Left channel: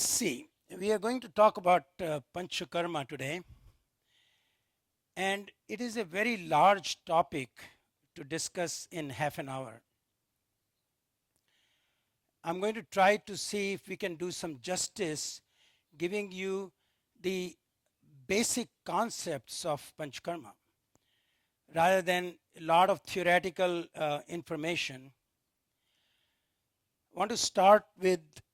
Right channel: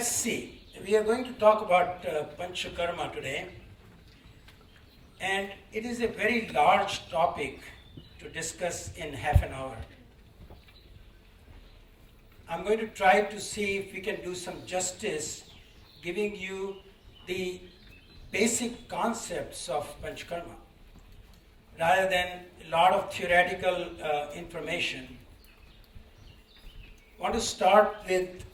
let's see. We are going to talk about Panchakarma today, and it is a very large topic to discuss in half an hour. I'm going to try to see if we can do some justice, giving you the basic concepts of Panchakarma, rather than a lot of theoretical information. I want to start with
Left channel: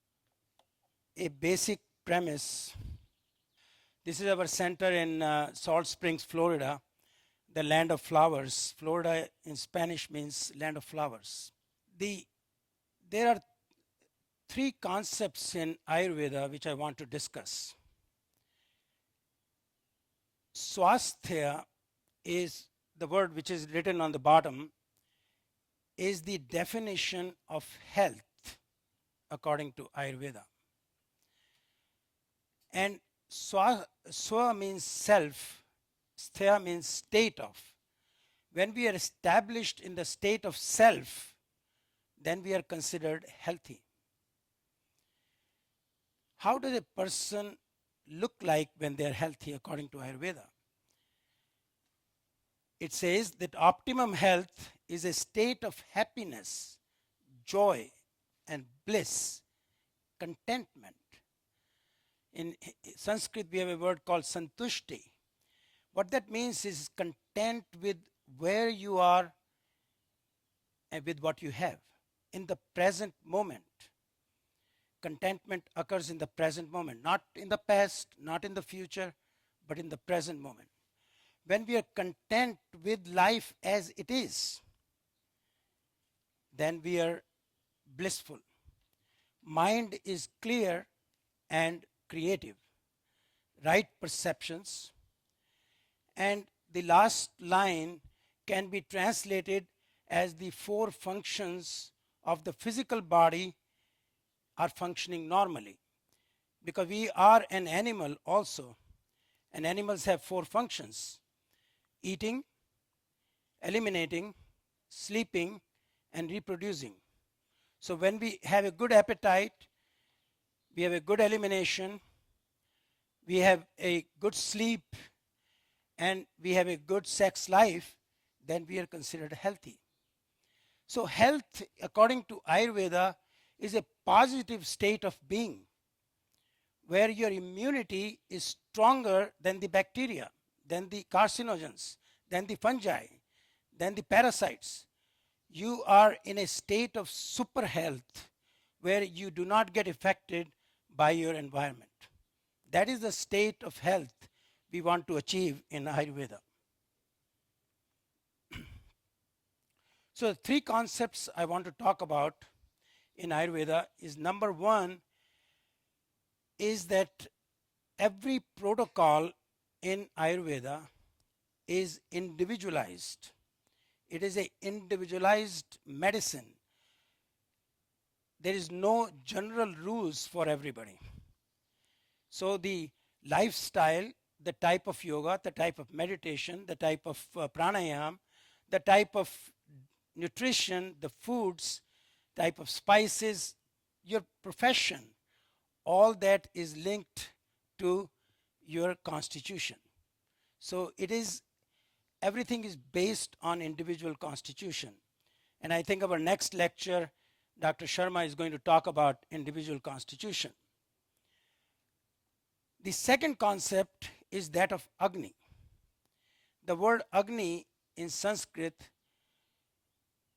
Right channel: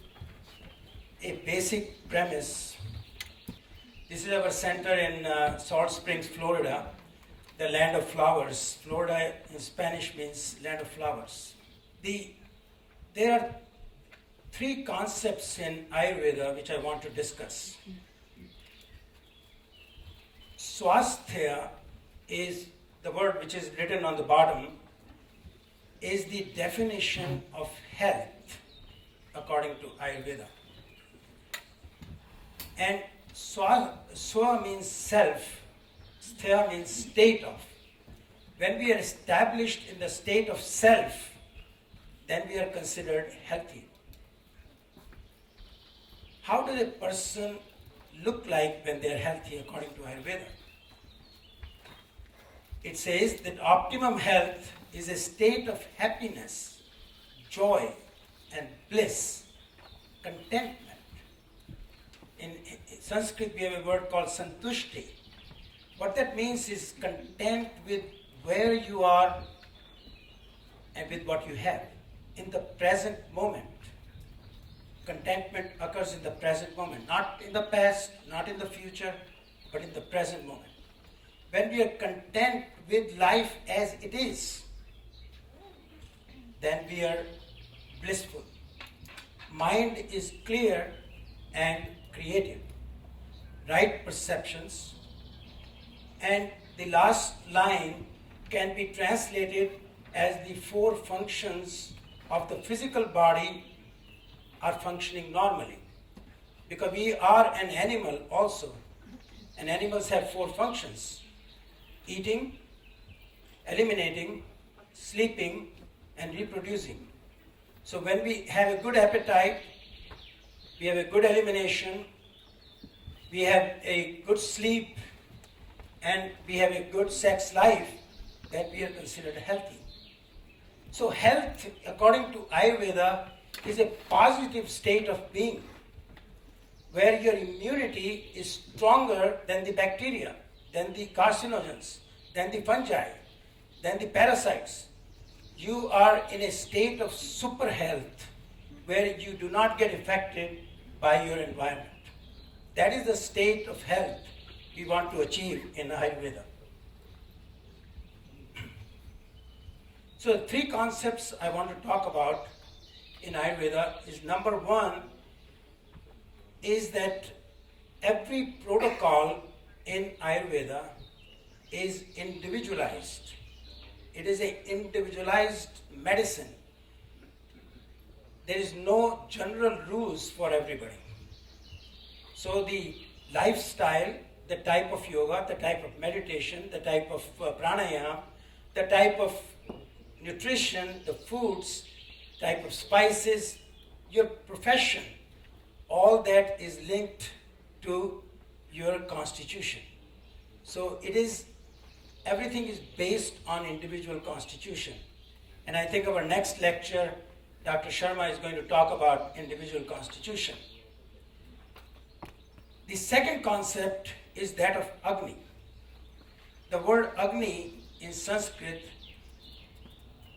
a basic premise. This is our center in Salt Springs, Florida, the land of flowers. Florida in Spanish means land of flowers. There are three concepts in Ayurveda which I want to discuss. Swasthya is the word which is written on the bottom, is the definition of health according to Ayurveda. And swa means self, sthya means state of. When we are established in the state of self, then we are considered healthy. How does a person look like when they are healthy according to Ayurveda? It says that optimum health is a state of happiness, joy, and bliss, contentment. In Sanskrit, we have a word called santushti. What that means is content with where you are and with what you have in the present moment. Contentment occurs in the present moment, not in the past, not in the future, but in the present moment. When we are content with life as it is, then we are blissful. Mind is clear and creative. Right perceptions. And the last line can be translated as the four functions of the physical body are functioning normally. Because we are an animal also. And animals have four functions: eating, eliminating, sleeping, and reproducing. So when we have a good appetite, we have a good elimination, we have a good sleep, and we have a good sex life, then we are considered healthy. So health, according to Ayurveda, is a positive state of being, where your immunity is stronger than the bacteria, than the carcinogens, than the fungi, than the parasites. You are in a state of super health, where you do not get affected by your environment. That is the state of health we want to achieve in Ayurveda. So the three concepts I want to talk about in Ayurveda is, number one, is that every protocol in Ayurveda is individualized. It is an individualized medicine. There is no general rules for everybody. So the lifestyle, the type of yoga, the type of meditation, the type of pranayama, the type of nutrition, the foods, type of spices, your profession, all that is linked to your constitution. So everything is based on individual constitution. And I think our next lecture, Dr. Sharma is going to talk about individual constitution. The second concept is that of Agni. The word Agni in Sanskrit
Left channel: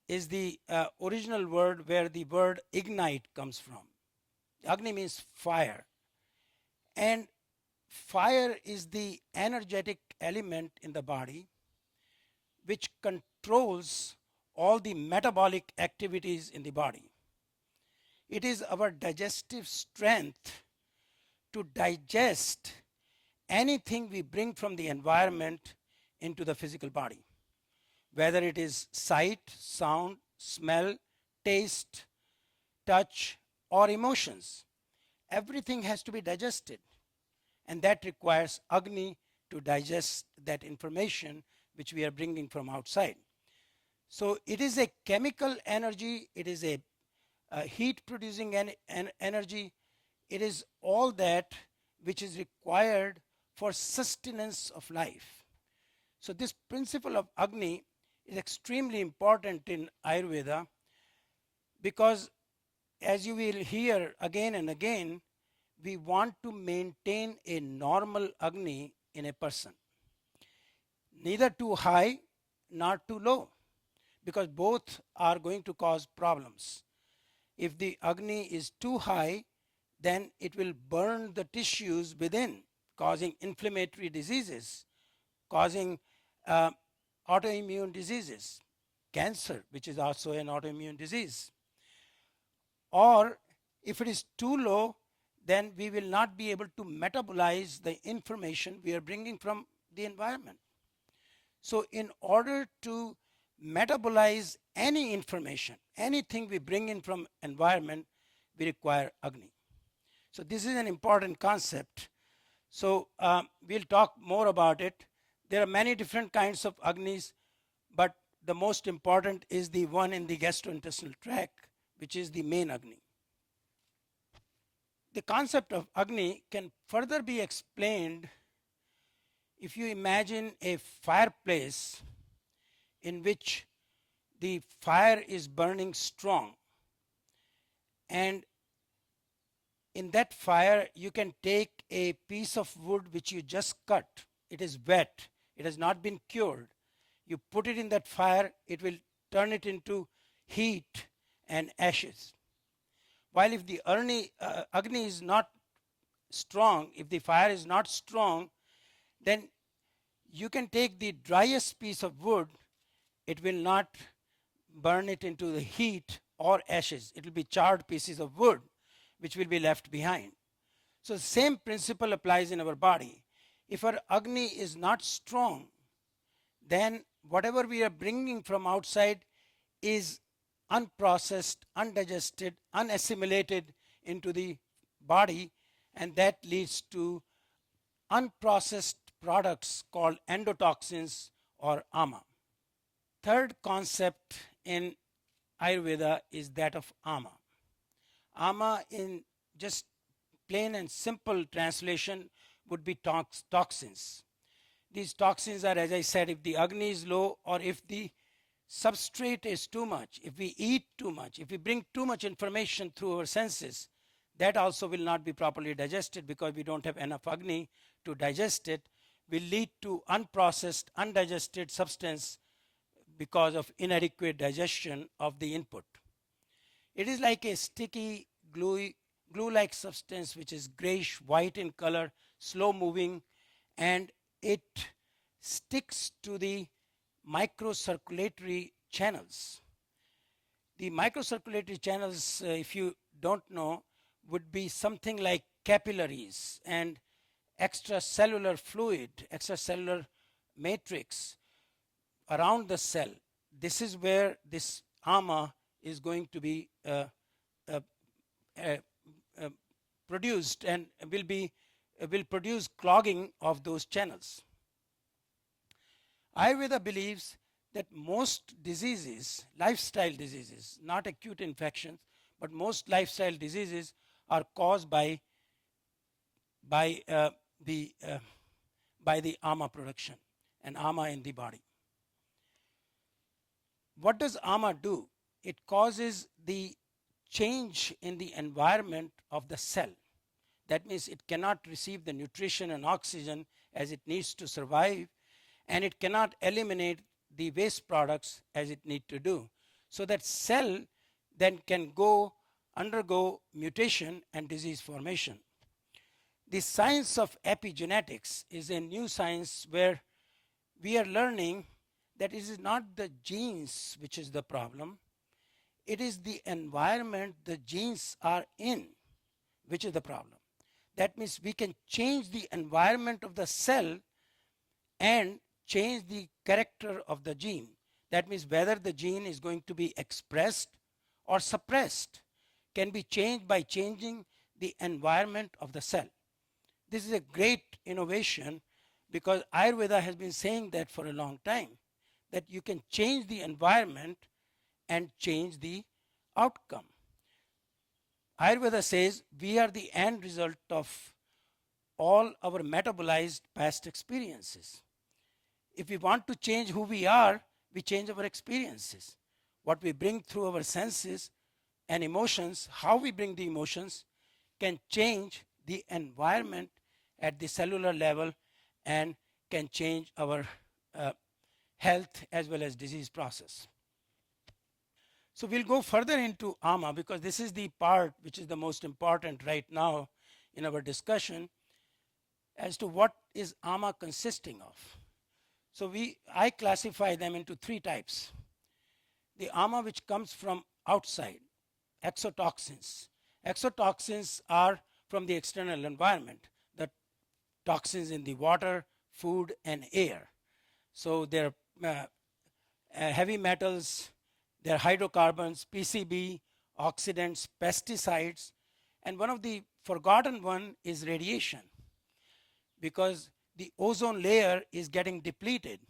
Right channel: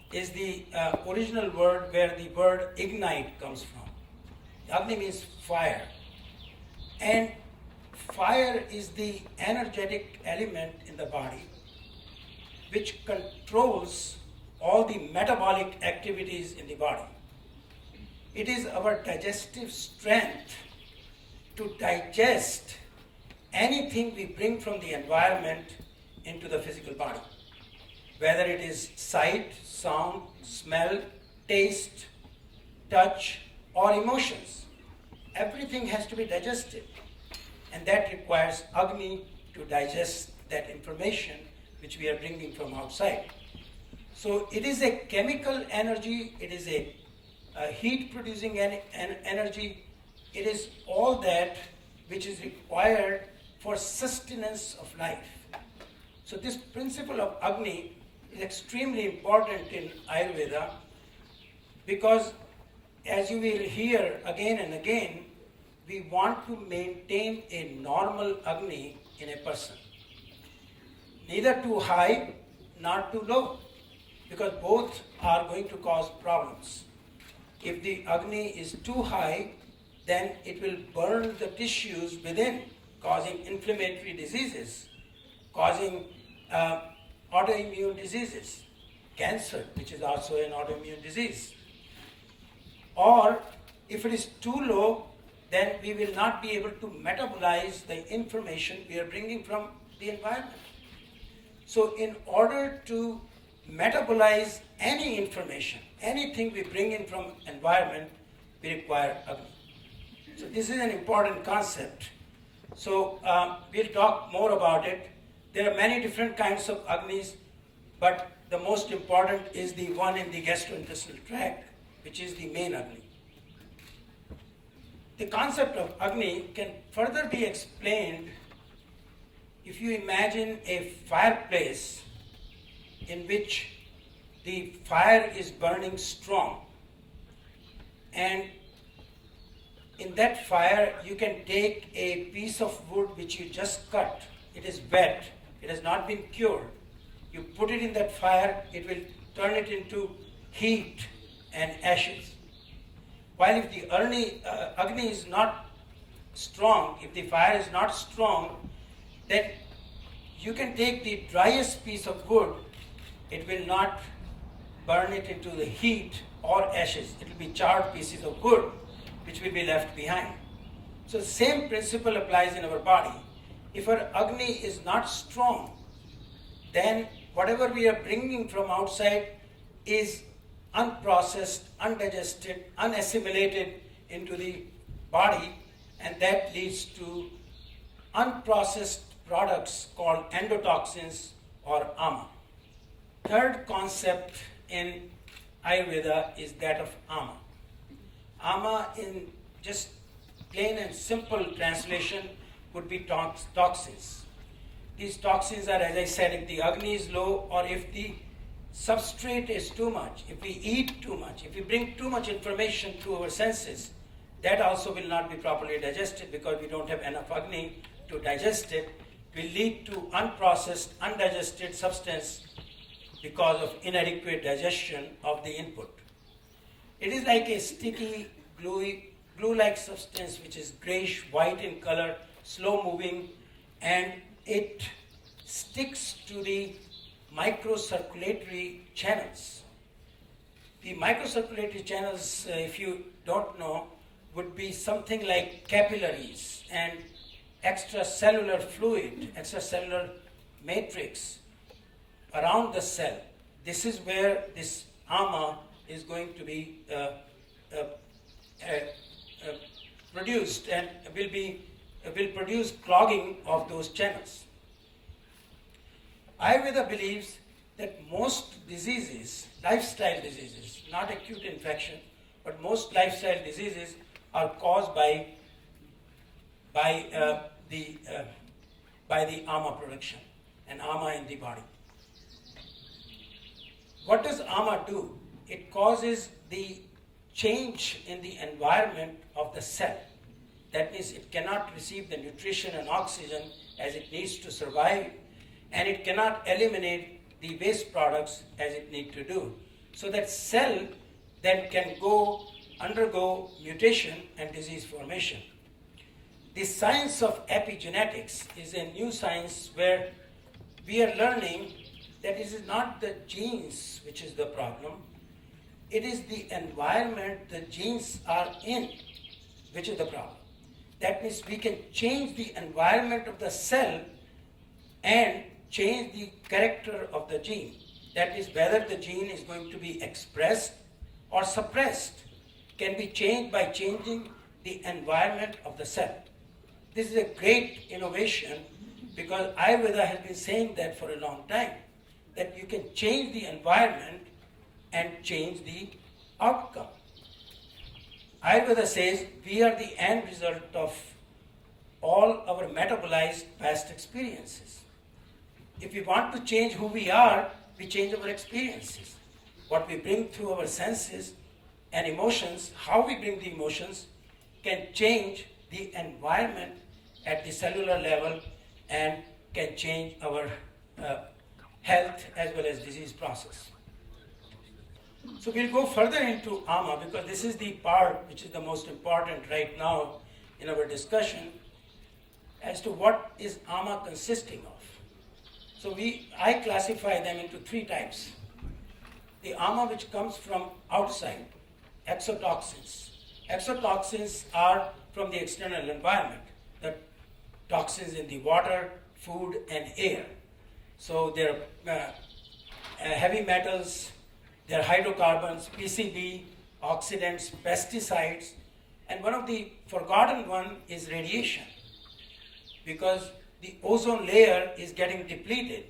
is the original word where the word ignite comes from. Agni means fire. And fire is the energetic element in the body which controls all the metabolic activities in the body. It is our digestive strength to digest anything we bring from the environment into the physical body. Whether it is sight, sound, smell, taste, touch, or emotions. Everything has to be digested. And that requires Agni to digest that information which we are bringing from outside. So it is a chemical energy, it is a heat producing energy, it is all that which is required for sustenance of life. So this principle of Agni is extremely important in Ayurveda because, as you will hear again and again, we want to maintain a normal Agni in a person. Neither too high, nor too low, because both are going to cause problems. If the Agni is too high, then it will burn the tissues within, causing inflammatory diseases, causing autoimmune diseases, cancer, which is also an autoimmune disease. Or if it is too low, then we will not be able to metabolize the information we are bringing from the environment. So in order to metabolize any information, anything we bring in from environment, we require Agni. So this is an important concept. So we'll talk more about it. There are many different kinds of Agnis, but the most important is the one in the gastrointestinal tract, which is the main Agni. The concept of Agni can further be explained if you imagine a fireplace in which the fire is burning strong, and in that fire you can take a piece of wood which you just cut. It is wet, it has not been cured. You put it in that fire, it will turn it into heat and ashes. While if the Agni is not strong, if the fire is not strong, then you can take the driest piece of wood, it will not burn it into the heat or ashes. It will be charred pieces of wood which will be left behind. So the same principle applies in our body. If our Agni is not strong, then whatever we are bringing from outside is unprocessed, undigested, unassimilated into the body, and that leads to unprocessed products called endotoxins or ama. Third concept in Ayurveda is that of ama. Ama, in just plain and simple translation, would be toxins. These toxins are, as I said, if the Agni is low or if the substrate is too much, if we eat too much, if we bring too much information through our senses, that also will not be properly digested because we don't have enough Agni to digest it, will lead to unprocessed, undigested substance because of inadequate digestion of the input. It is like a sticky, glue-like substance which is grayish white in color, slow moving, and it sticks to the microcirculatory channels. The microcirculatory channels, if you don't know, would be something like capillaries and extracellular fluid, extracellular matrix around the cell. This is where this ama is going to be produced and will produce clogging of those channels. Ayurveda believes that most diseases, lifestyle diseases, not acute infection, but most lifestyle diseases are caused by the ama production and ama in the body. What does ama do? It causes the change in the environment of the cell. That is, it cannot receive the nutrition and oxygen as it needs to survive, and it cannot eliminate the waste products as it needs to do. So that cell then can undergo mutation and disease formation. The science of epigenetics is a new science where we are learning that it is not the genes which is the problem, it is the environment the genes are in which is the problem. That means we can change the environment of the cell and change the character of the gene. That means whether the gene is going to be expressed or suppressed can be changed by changing the environment of the cell. This is a great innovation because Ayurveda has been saying that for a long time, that you can change the environment and change the outcome. Ayurveda says we are the end result of all our metabolized past experiences. If we want to change who we are, we change our experiences. What we bring through our senses and emotions, how we bring the emotions, can change the environment at the cellular level and can change our health as well as disease process. So we'll go further into ama because this is the part which is the most important right now in our discussion as to what is ama consisting of. So I classify them into three types. The ama which comes from outside, exotoxins. Exotoxins are from the external environment, the toxins in the water, food, and air. So they're heavy metals, they're hydrocarbons, PCB, oxidants, pesticides, and one of the forgotten one is radiation, because the ozone layer is getting depleted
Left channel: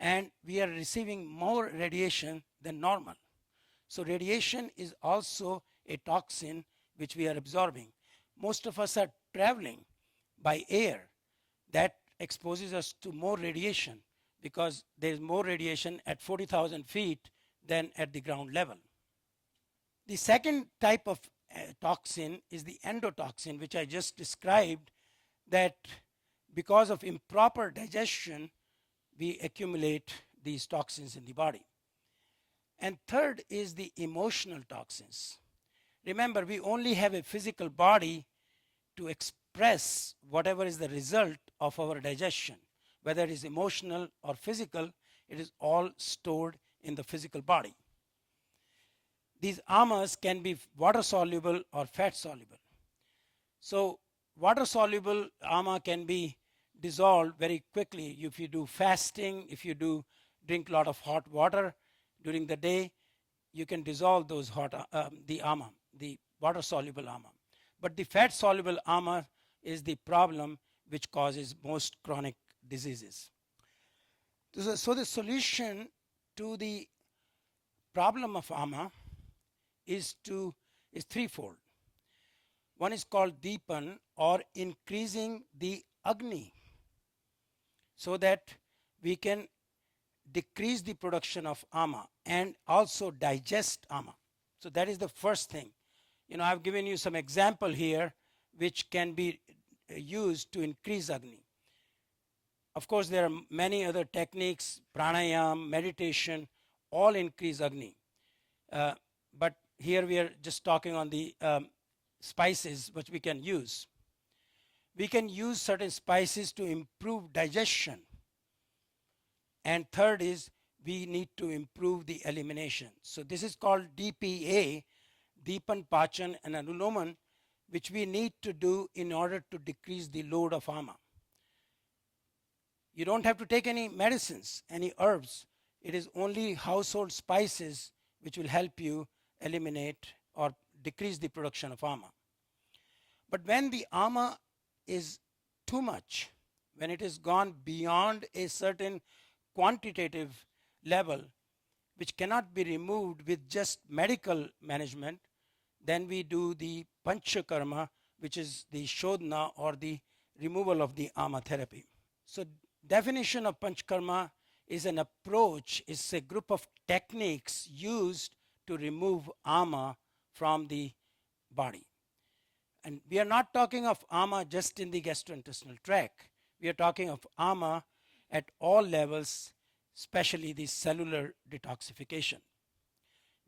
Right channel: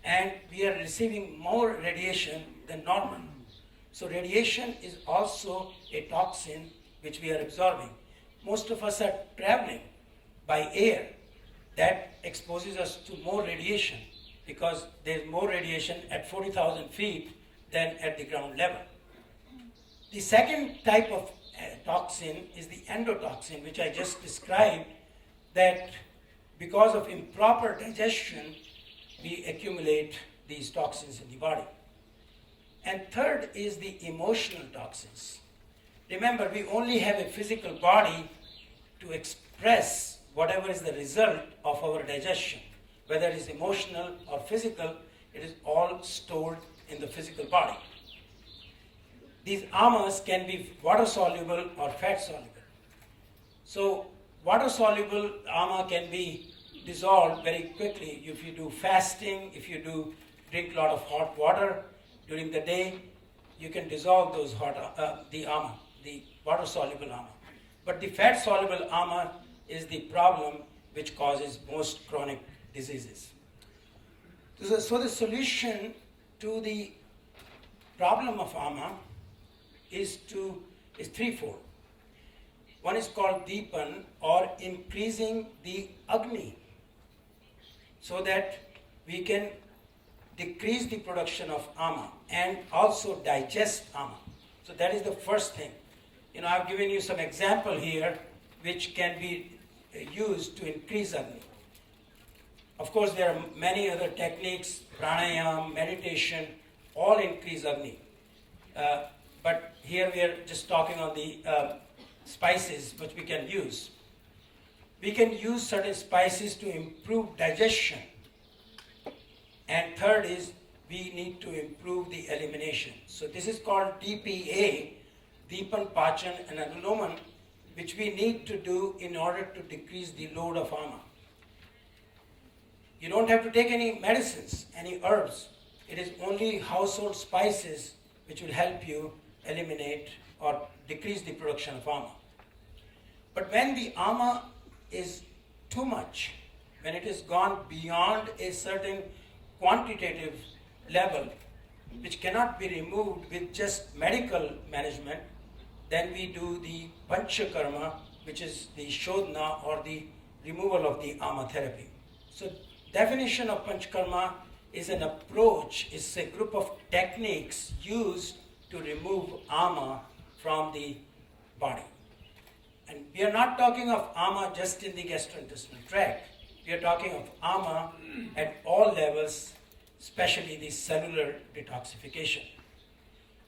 and we are receiving more radiation than normal. So radiation is also a toxin which we are absorbing. Most of us are traveling by air. That exposes us to more radiation because there is more radiation at 40,000 feet than at the ground level. The second type of toxin is the endotoxin, which I just described, that because of improper digestion, we accumulate these toxins in the body. And third is the emotional toxins. Remember, we only have a physical body to express whatever is the result of our digestion. Whether it is emotional or physical, it is all stored in the physical body. These amas can be water-soluble or fat-soluble. So water-soluble ama can be dissolved very quickly if you do fasting, if you do drink a lot of hot water during the day, you can dissolve those the ama, the water-soluble ama. But the fat-soluble ama is the problem which causes most chronic diseases. So the solution to the problem of ama is threefold. One is called deepan, or increasing the agni, so that we can decrease the production of ama and also digest ama. So that is the first thing. I've given you some example here which can be used to increase agni. Of course, there are many other techniques, pranayama, meditation, all increase agni. But here we are just talking on the spices which we can use. We can use certain spices to improve digestion. And third is we need to improve the elimination. So this is called DPA, Deepan, Pachan, and Anuloman, which we need to do in order to decrease the load of ama. You don't have to take any medicines, any herbs. It is only household spices which will help you eliminate or decrease the production of ama. But when the ama is too much, when it has gone beyond a certain quantitative level, which cannot be removed with just medical management, then we do the Panchakarma, which is the Shodhana or the removal of the ama therapy. So definition of Panchakarma is an approach, is a group of techniques used to remove ama from the body. And we are not talking of ama just in the gastrointestinal tract. We are talking of ama at all levels, especially the cellular detoxification,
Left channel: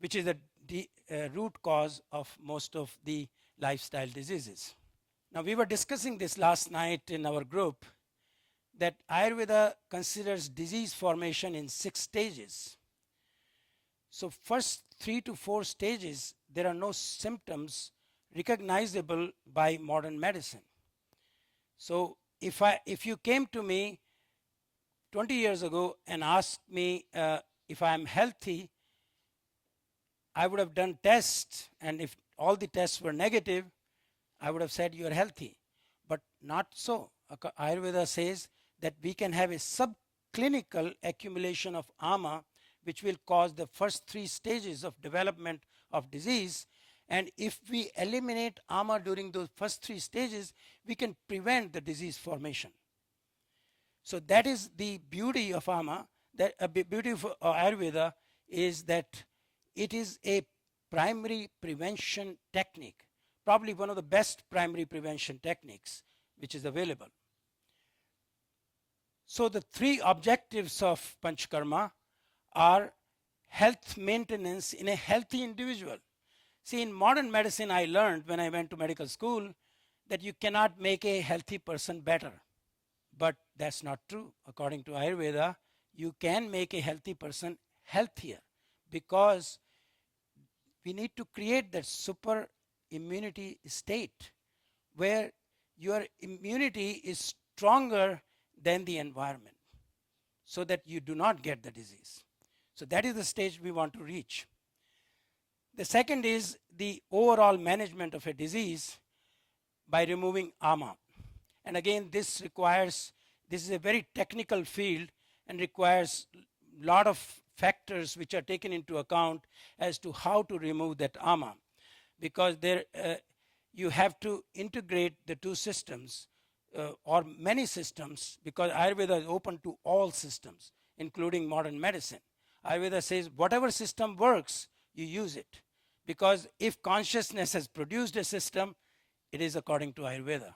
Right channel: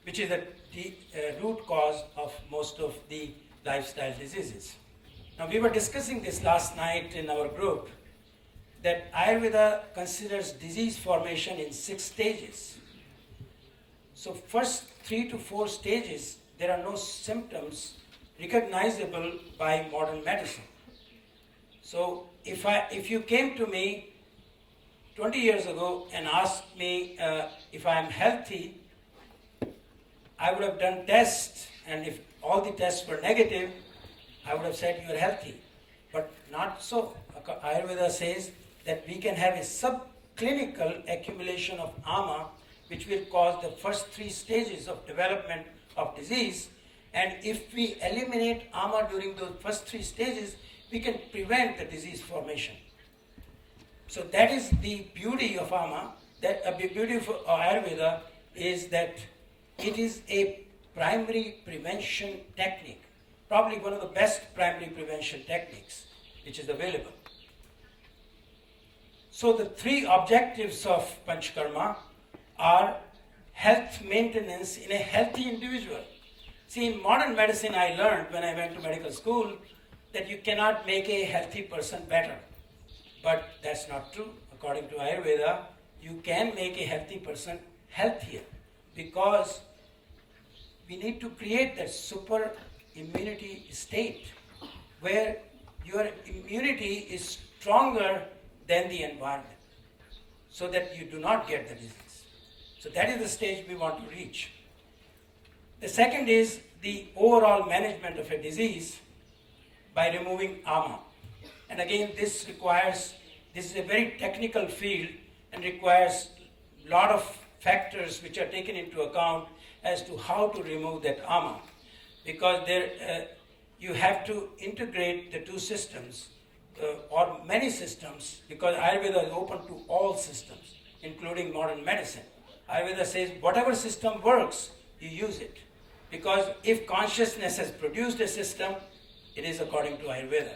which is the root cause of most of the lifestyle diseases. Now, we were discussing this last night in our group, that Ayurveda considers disease formation in 6 stages. So first 3 to 4 stages, there are no symptoms recognizable by modern medicine. So if you came to me 20 years ago and asked me if I am healthy, I would have done tests, and if all the tests were negative, I would have said you are healthy. But not so. Ayurveda says that we can have a subclinical accumulation of ama, which will cause the first 3 stages of development of disease, And if we eliminate ama during those first 3 stages, we can prevent the disease formation. So that is the beauty of ama. That the beauty of Ayurveda is that it is a primary prevention technique, probably one of the best primary prevention techniques which is available. So the 3 objectives of Panchakarma are health maintenance in a healthy individual. See, in modern medicine, I learned when I went to medical school that you cannot make a healthy person better. But that's not true. According to Ayurveda, you can make a healthy person healthier, because we need to create that super immunity state where your immunity is stronger than the environment, so that you do not get the disease. So that is the stage we want to reach. The second is the overall management of a disease by removing ama. And again, this is a very technical field and requires a lot of factors which are taken into account as to how to remove that ama. Because you have to integrate the 2 systems, or many systems, because Ayurveda is open to all systems, including modern medicine. Ayurveda says whatever system works, you use it. Because if consciousness has produced a system, it is according to Ayurveda.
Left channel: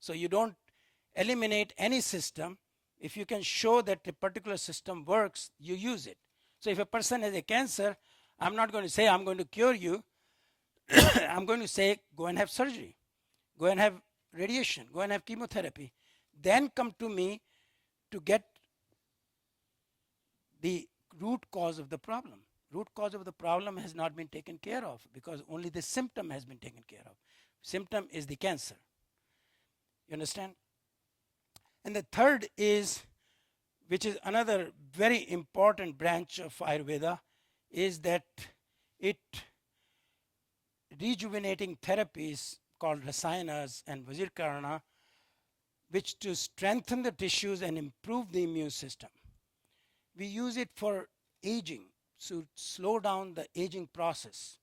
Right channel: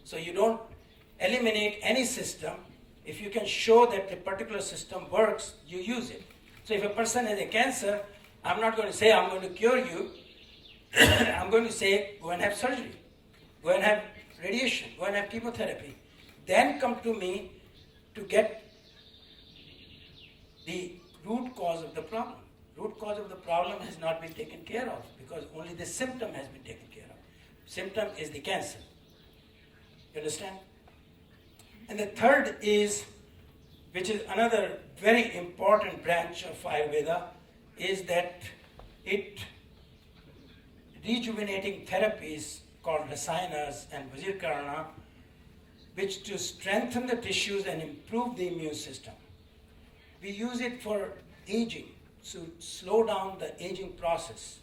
So you don't eliminate any system. If you can show that a particular system works, you use it. So if a person has a cancer, I'm not going to say I'm going to cure you. I'm going to say go and have surgery. Go and have radiation. Go and have chemotherapy. Then come to me to get the root cause of the problem. Root cause of the problem has not been taken care of, because only the symptom has been taken care of. Symptom is the cancer. You understand? And the third is, which is another very important branch of Ayurveda, is that rejuvenating therapies called rasayanas and vajirkarana, which to strengthen the tissues and improve the immune system. We use it for aging, to slow down the aging process.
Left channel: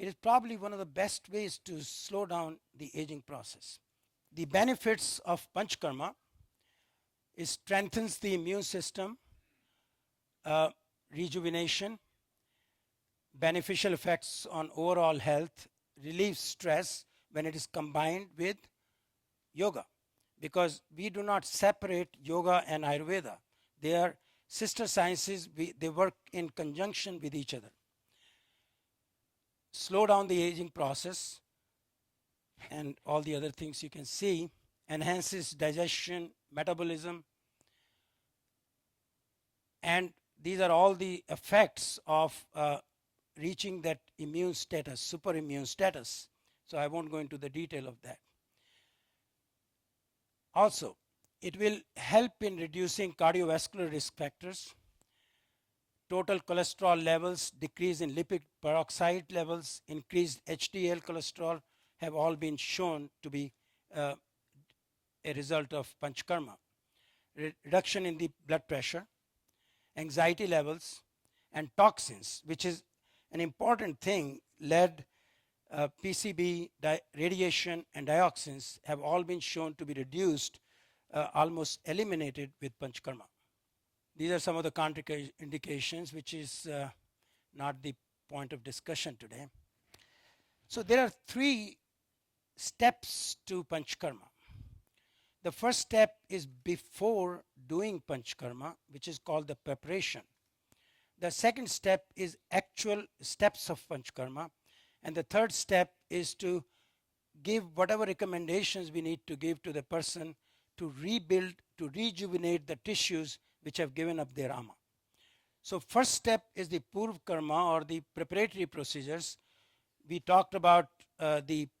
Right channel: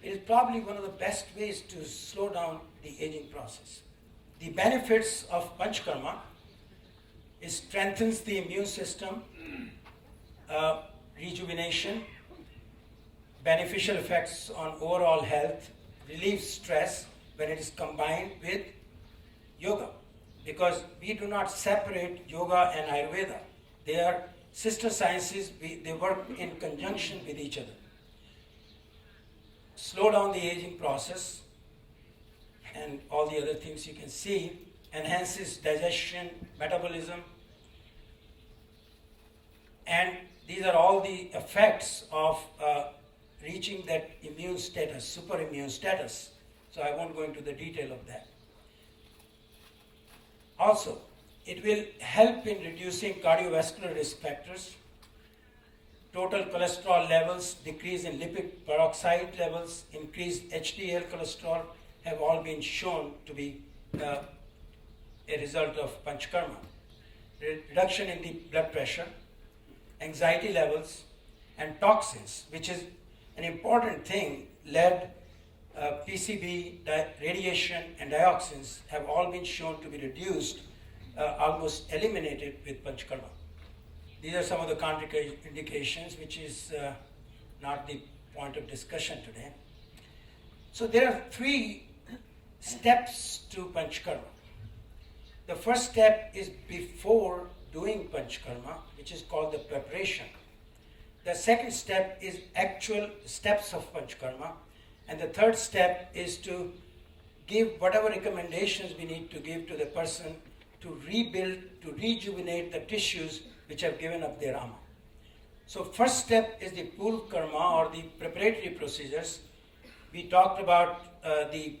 It is probably one of the best ways to slow down the aging process. The benefits of Panchakarma is strengthens the immune system, rejuvenation, beneficial effects on overall health, relieves stress when it is combined with yoga. Because we do not separate yoga and Ayurveda. They are sister sciences, they work in conjunction with each other. Slow down the aging process and all the other things you can see, enhances digestion, metabolism, and these are all the effects of reaching that immune status, super immune status. So I won't go into the detail of that. Also, it will help in reducing cardiovascular risk factors, total cholesterol levels, decrease in lipid peroxide levels, increased HDL cholesterol have all been shown to be a result of Panchakarma. Reduction in the blood pressure, anxiety levels, and toxins, which is an important thing. Lead, PCB, radiation, and dioxins have all been shown to be reduced, almost eliminated with Panchakarma. These are some of the contraindications, which is not the point of discussion today. So there are 3 steps to Panchakarma. The first step is before doing Panchakarma, which is called the preparation. The second step is actual steps of Panchakarma. And the third step is to give whatever recommendations we need to give to the person to rebuild, to rejuvenate the tissues which have given up their ama. So first step is the Purv Karma, or the preparatory procedures. We talked about the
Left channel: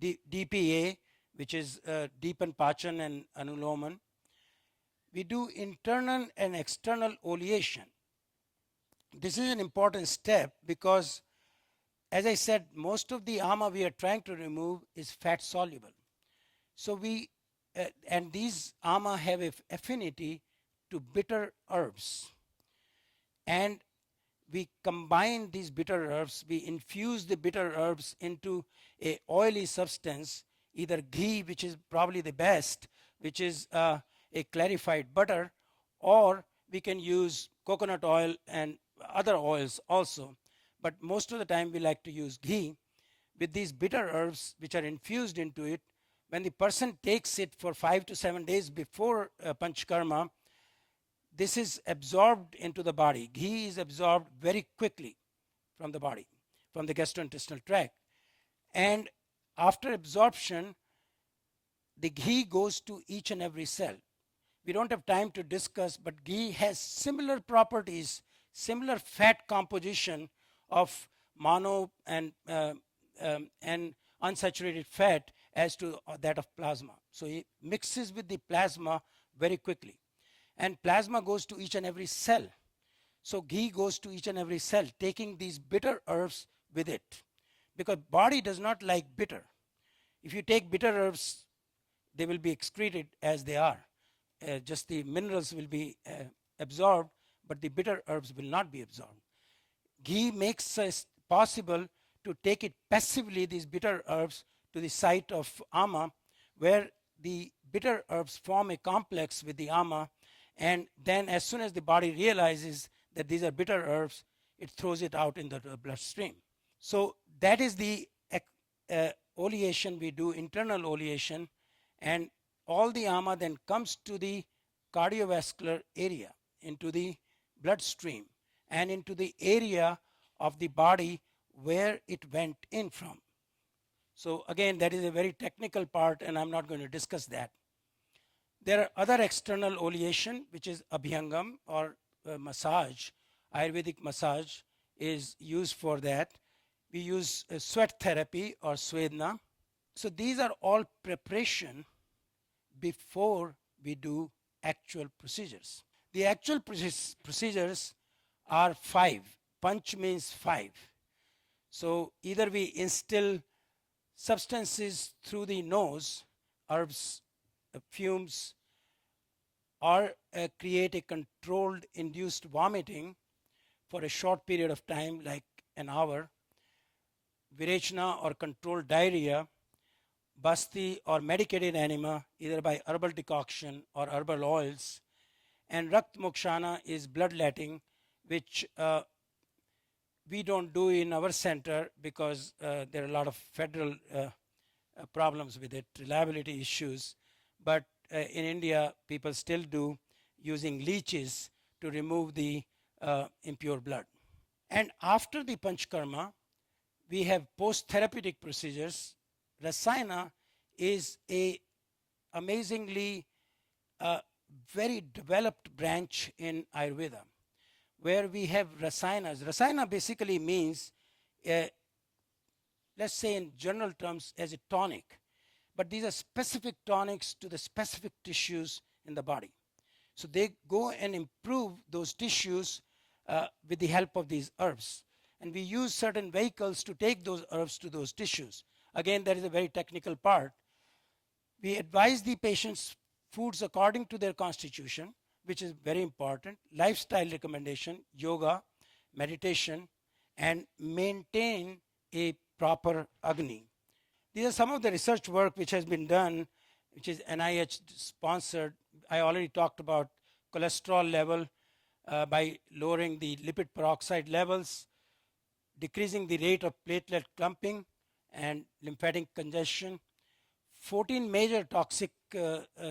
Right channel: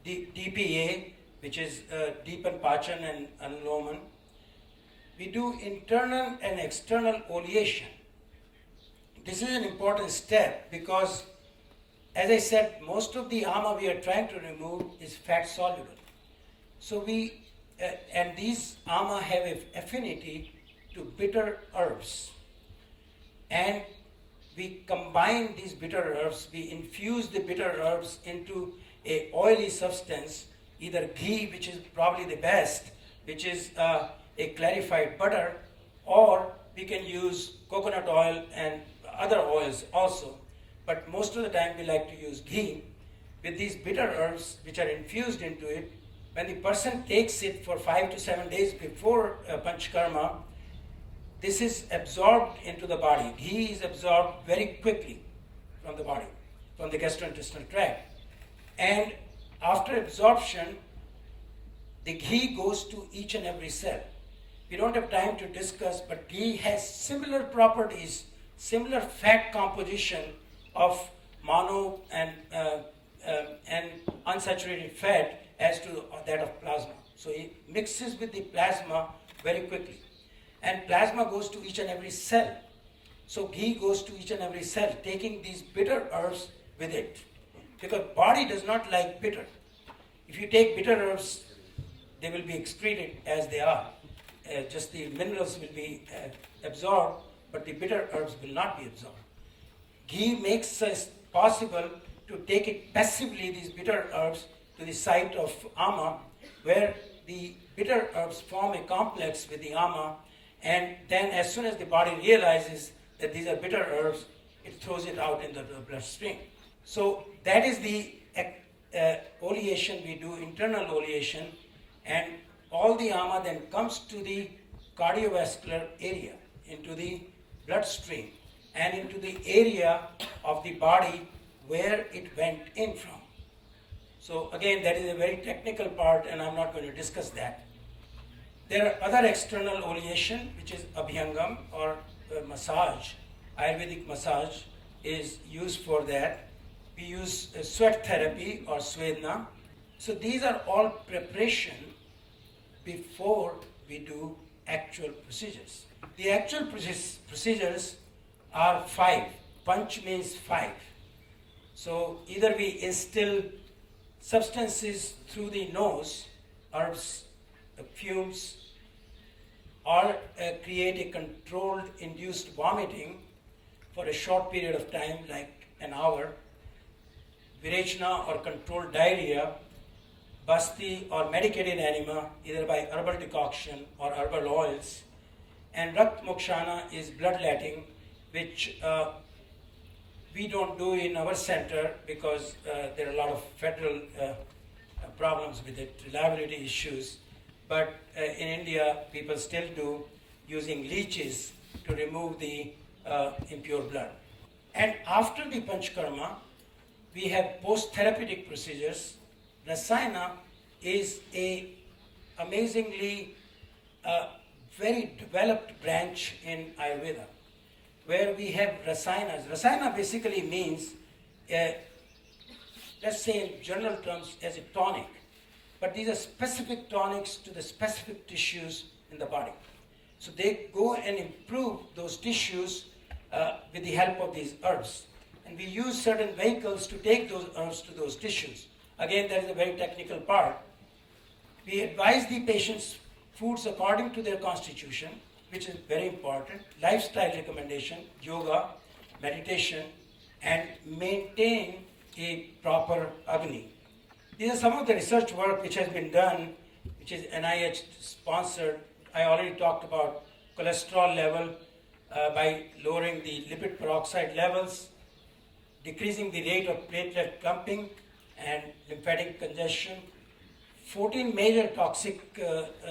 DPA, which is Deepan Pachan and Anuloman. We do internal and external oleation. This is an important step because, as I said, most of the ama we are trying to remove is fat soluble. So and these ama have an affinity to bitter herbs. And we combine these bitter herbs, we infuse the bitter herbs into a oily substance, either ghee, which is probably the best, which is a clarified butter, or we can use coconut oil and other oils also. But most of the time we like to use ghee. With these bitter herbs which are infused into it, when the person takes it for 5 to 7 days before Panchakarma, this is absorbed into the body. Ghee is absorbed very quickly from the body, from the gastrointestinal tract. And after absorption, the ghee goes to each and every cell. We don't have time to discuss, but ghee has similar properties, similar fat composition of mono and unsaturated fat as to that of plasma. So it mixes with the plasma very quickly. And plasma goes to each and every cell. So ghee goes to each and every cell, taking these bitter herbs with it. Because body does not like bitter. If you take bitter herbs, they will be excreted as they are. Just the minerals will be absorbed, but the bitter herbs will not be absorbed. Ghee makes us possible to take it passively, these bitter herbs, to the site of ama, where the bitter herbs form a complex with the ama, and then as soon as the body realizes that these are bitter herbs, it throws it out into the bloodstream. So that is the oleation we do, internal oleation, and all the ama then comes to the cardiovascular area, into the bloodstream, and into the area of the body where it went in from. So again, that is a very technical part, and I'm not going to discuss that. There are other external oleation, which is abhyangam or massage. Ayurvedic massage is used for that. We use sweat therapy or svedna. So these are all preparation before we do actual procedures. The actual procedures are 5. Panch means 5. So either we instill substances through the nose, herbs, fumes, or create a controlled induced vomiting for a short period of time, like an hour, virechana or controlled diarrhea, basti or medicated enema, either by herbal decoction or herbal oils, and rakt mokshana is bloodletting, which we don't do in our center because there are a lot of federal problems with it, reliability issues. But in India, people still do, using leeches to remove the impure blood. And after the Panchakarma, we have post-therapeutic procedures. Rasayana is a amazingly very developed branch in Ayurveda, where we have rasayanas. Rasayana basically means, let's say in general terms, as a tonic. But these are specific tonics to the specific tissues in the body. So they go and improve those tissues with the help of these herbs. And we use certain vehicles to take those herbs to those tissues. Again, that is a very technical part. We advise the patients foods according to their constitution, which is very important, lifestyle recommendation, yoga, meditation, and maintain a proper Agni. These are some of the research work which has been done, which is NIH sponsored. I already talked about cholesterol level by lowering the lipid peroxide levels, decreasing the rate of platelet clumping and lymphatic congestion. 14 major toxic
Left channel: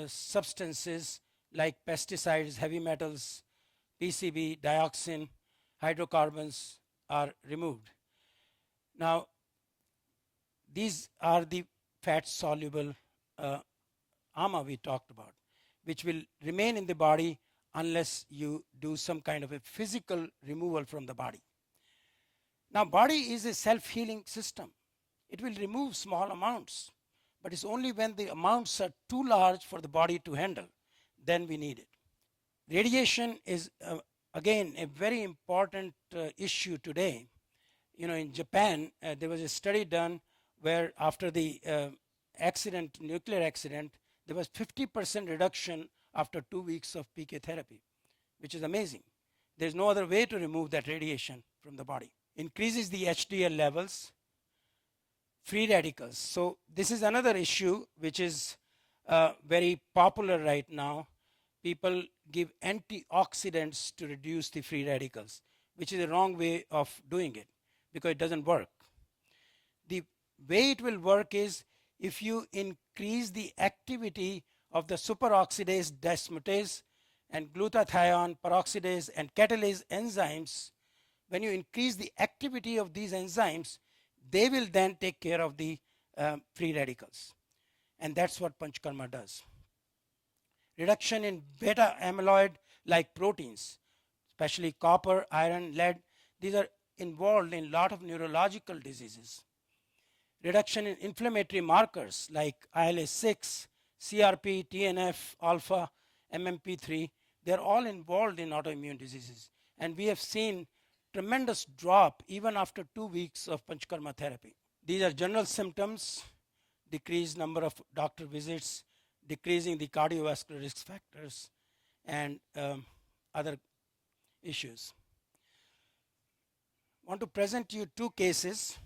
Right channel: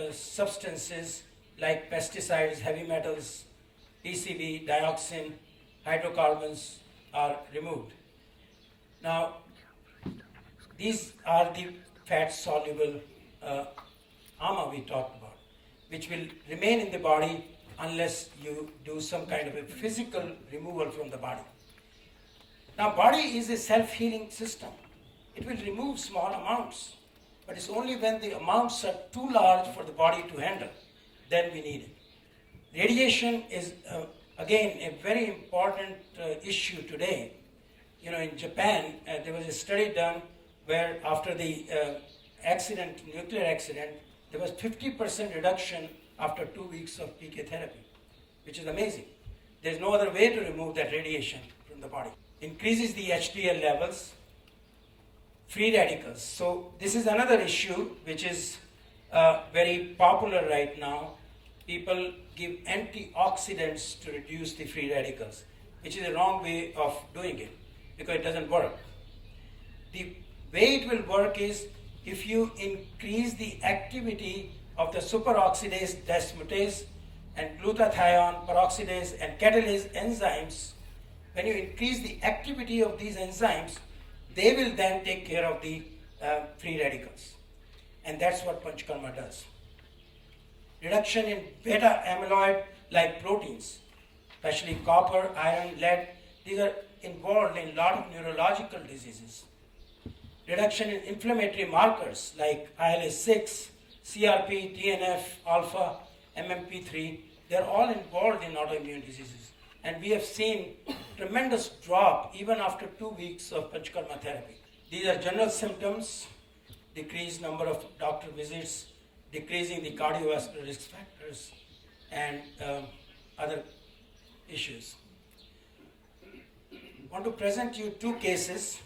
substances like pesticides, heavy metals, PCB, dioxin, hydrocarbons are removed. Now, these are the fat-soluble ama we talked about, which will remain in the body unless you do some kind of a physical removal from the body. Now, body is a self-healing system. It will remove small amounts, but it's only when the amounts are too large for the body to handle, then we need it. Radiation is, again, a very important issue today. You know, in Japan, there was a study done where after the nuclear accident, there was 50% reduction after 2 weeks of PK therapy, which is amazing. There's no other way to remove that radiation from the body. Increases the HDL levels, free radicals. So this is another issue which is very popular right now. People give antioxidants to reduce the free radicals, which is the wrong way of doing it because it doesn't work. The way it will work is if you increase the activity of the superoxidase dismutase and glutathione, peroxidase and catalase enzymes, when you increase the activity of these enzymes, they will then take care of the free radicals. And that's what Panchakarma does. Reduction in beta amyloid like proteins, especially copper, iron, lead, these are involved in a lot of neurological diseases. Reduction in inflammatory markers like IL-6, CRP, TNF, alpha, MMP3, they're all involved in autoimmune diseases. And we have seen tremendous drop even after 2 weeks of Panchakarma therapy. These are general symptoms: decreased number of doctor visits, decreasing the cardiovascular risk factors, and other issues. I want to present you 2 cases.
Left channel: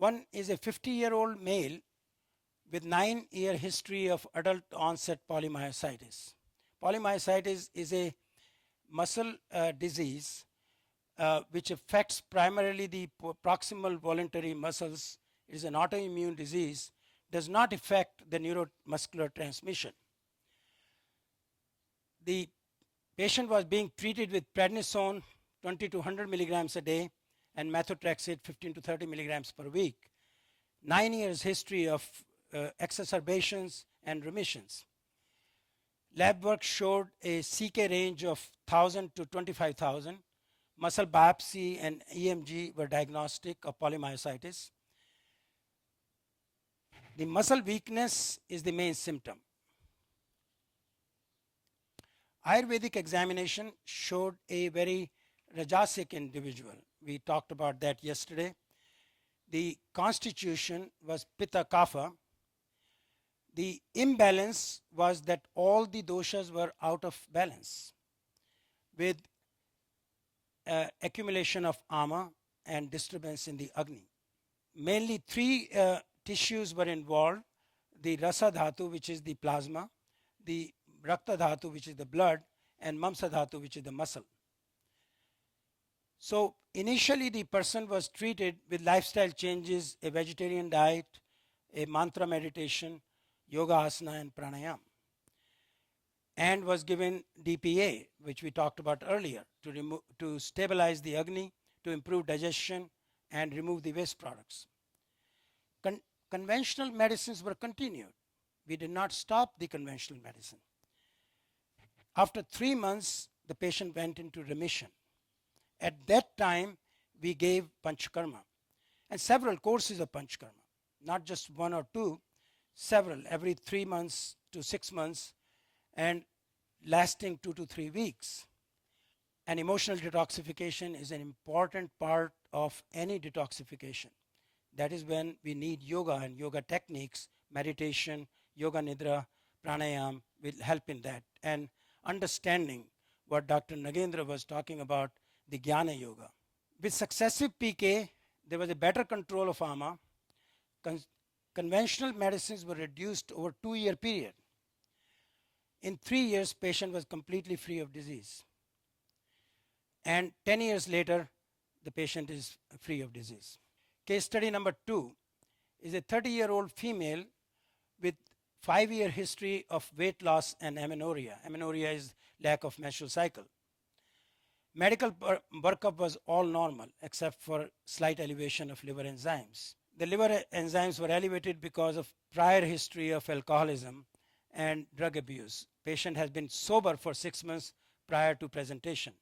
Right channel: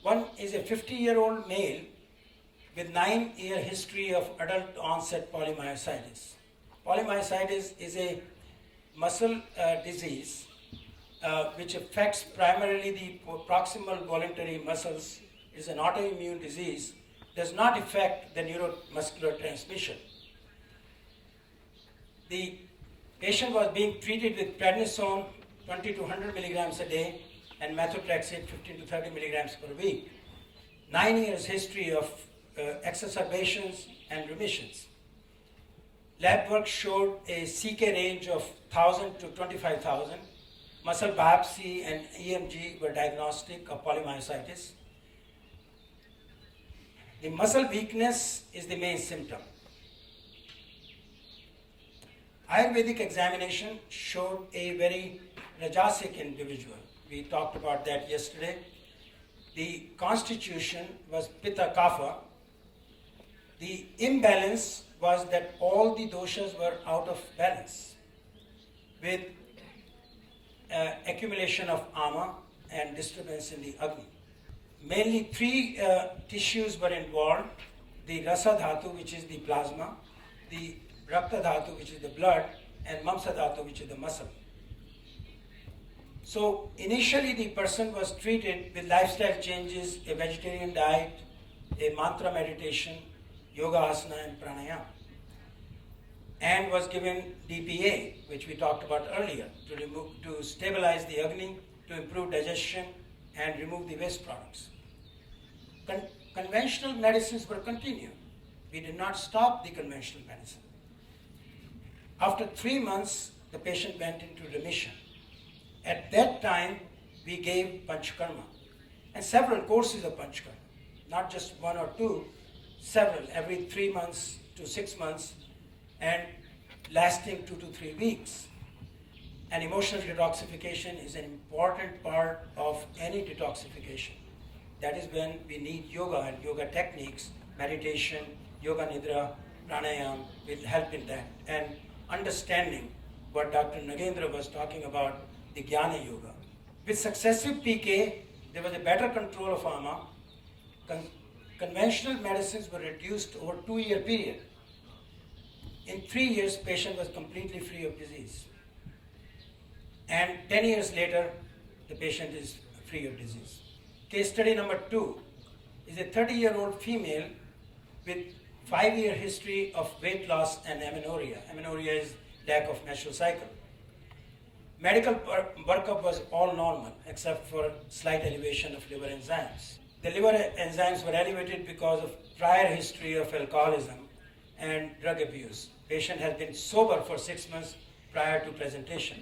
One is a 50-year-old male with 9-year history of adult onset polymyositis. Polymyositis is a muscle disease which affects primarily the proximal voluntary muscles. It is an autoimmune disease, does not affect the neuromuscular transmission. The patient was being treated with prednisone 20 to 100 milligrams a day and methotrexate 15 to 30 milligrams per week. 9 years history of exacerbations and remissions. Lab work showed a CK range of 1,000 to 25,000. Muscle biopsy and EMG were diagnostic of polymyositis. The muscle weakness is the main symptom. Ayurvedic examination showed a very rajasic individual. We talked about that yesterday. The constitution was Pitta Kapha. The imbalance was that all the doshas were out of balance with accumulation of ama and disturbance in the Agni. Mainly 3 tissues were involved: the Rasa Dhatu, which is the plasma, the Rakta Dhatu, which is the blood, and Mamsa Dhatu, which is the muscle. So initially the person was treated with lifestyle changes, a vegetarian diet, a mantra meditation, yoga asana and pranayama, and was given DPA, which we talked about earlier, to stabilize the Agni, to improve digestion and remove the waste products. Conventional medicines were continued. We did not stop the conventional medicine. After 3 months, the patient went into remission. At that time, we gave Panchakarma and several courses of Panchakarma, not just 1 or 2, several, every 3 months to 6 months, and lasting 2 to 3 weeks. And emotional detoxification is an important part of any detoxification. That is when we need yoga and yoga techniques, meditation, yoga nidra, pranayama will help in that. And understanding what Dr. Nagendra was talking about, the Jnana Yoga. With successive PK, there was a better control of ama. Conventional medicines were reduced over a 2-year period. In 3 years, patient was completely free of disease. And 10 years later, the patient is free of disease. Case study number 2 is a 30-year-old female with 5-year history of weight loss and amenorrhea. Amenorrhea is lack of menstrual cycle. Medical workup was all normal except for slight elevation of liver enzymes. The liver enzymes were elevated because of prior history of alcoholism and drug abuse. Patient had been sober for 6 months prior to presentation.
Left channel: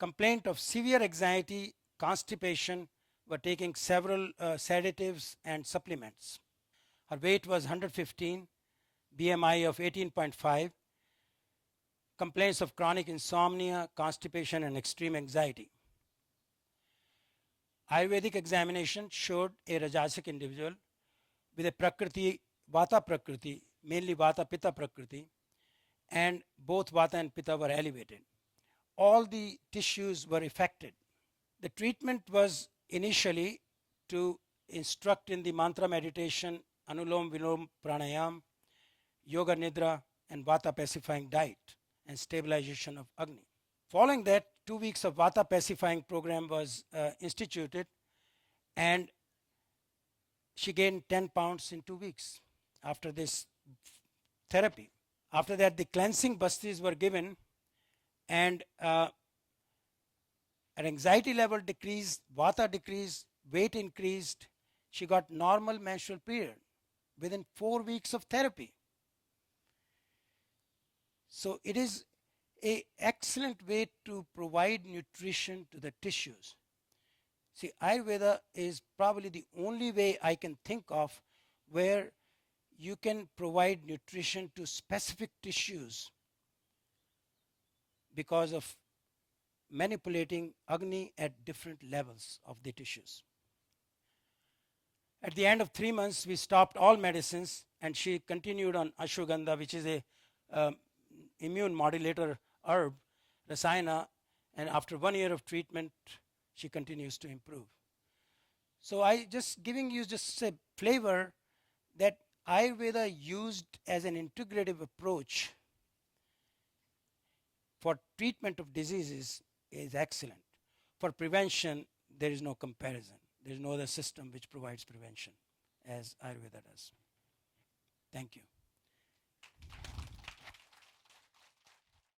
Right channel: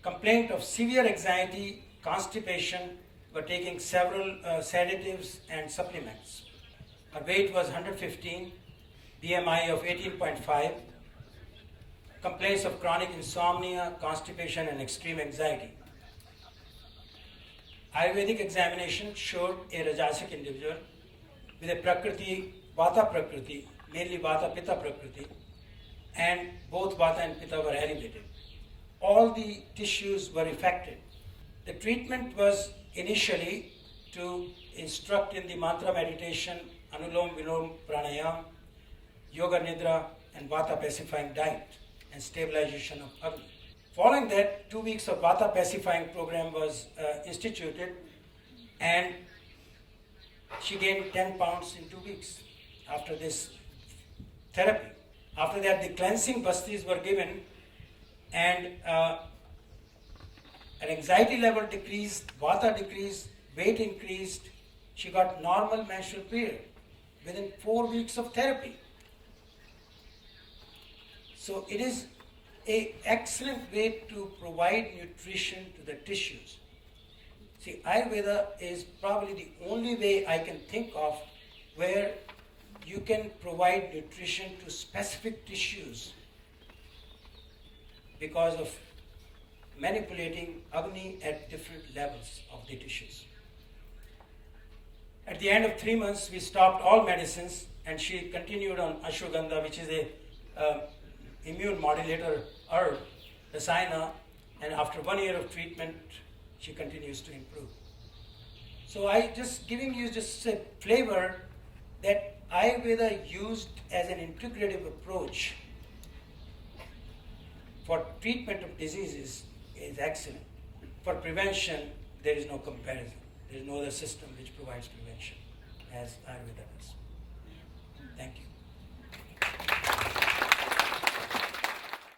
Complaint of severe anxiety, constipation, were taking several sedatives and supplements. Her weight was 115, BMI of 18.5, complaints of chronic insomnia, constipation, and extreme anxiety. Ayurvedic examination showed a Rajasic individual with a Prakriti, Vata Prakriti, mainly Vata Pitta Prakriti, and both Vata and Pitta were elevated. All the tissues were affected. The treatment was initially to instruct in the mantra meditation, Anulom Vilom Pranayam, Yoga Nidra, and Vata pacifying diet and stabilization of Agni. Following that, 2 weeks of Vata pacifying program was instituted, and she gained 10 pounds in 2 weeks after this therapy. After that, the cleansing bastis were given, and her anxiety level decreased, Vata decreased, weight increased. She got normal menstrual period within 4 weeks of therapy. So it is an excellent way to provide nutrition to the tissues. See, Ayurveda is probably the only way I can think of where you can provide nutrition to specific tissues because of manipulating Agni at different levels of the tissues. At the end of 3 months, we stopped all medicines, and she continued on ashwagandha, which is a immune modulator herb, rasayana, and after 1 year of treatment, she continues to improve. So I just giving you just a flavor that Ayurveda used as an integrative approach for treatment of diseases is excellent. For prevention, there is no comparison. There is no other system which provides prevention as Ayurveda does. Thank you.